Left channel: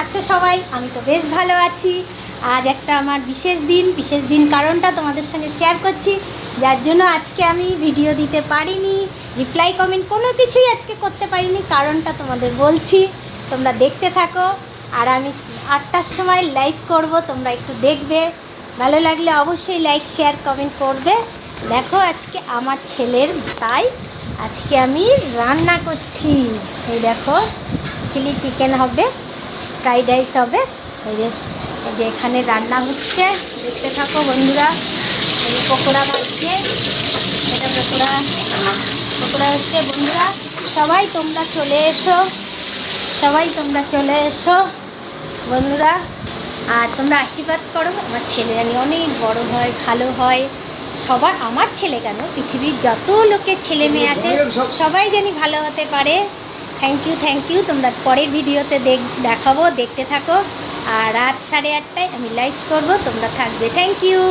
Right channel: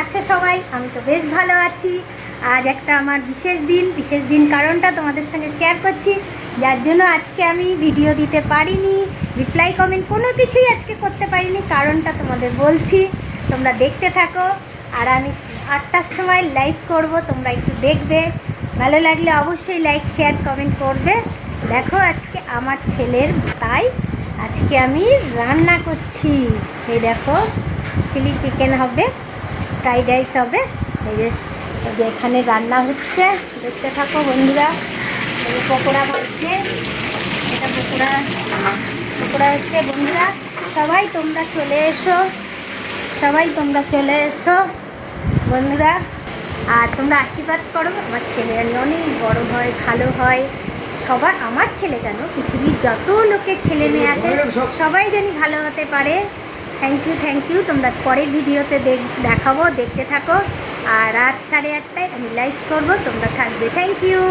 আছো সবাই? আমি তো বেশ ভালো আছি। আজ একটা আমার বিশেষ দিন কারণটা তোমাদের সঙ্গে শেয়ার করছি, যার জন্য আজকে আমি ভিডিও দিতে পারিনি, রিপ্লাই কমেন্ট কোনো কিছুই আজকে করতে পারিনি। কারণটা তোমাদের বলছি, তোমরা দেখতে থাকো। আর আমি 8টার সময় লাইভ করব, তোমরা একটু দেখবে। ভালো লাগলে অবশ্যই লাইক শেয়ার কমেন্ট করবে। দেখো আজকে আমার ছেলের তাই আজকে আমি রান্না করছি। এই দেখো, চিলি চিকেন হবে, ফ্রাইড রাইস হবে। এই যে এখানে রান্না হচ্ছে, দেখতে থাকো বন্ধুরা। পকোড়া হচ্ছে, এটা পকোড়া হচ্ছে বন্ধুরা। সবাই তোমরা চলে এসো বন্ধুরা। আর তোমরা আশীর্বাদ করো, আমার ছেলে জানি অনেক বড় হয়, ভালো হয়। সবার, আমার ছেলে কেন, পৃথিবীর যত লোকের ছেলে মেয়ে আছে সবাই জানি ভালো হতে পারে। Thank you. তোমরা পরের ভিডিওতে দেখাবো, দেখতে থাকো। আর রাত 8:30টায় আমি লাইভ করবো, তোমরা থাকবে। Thank you.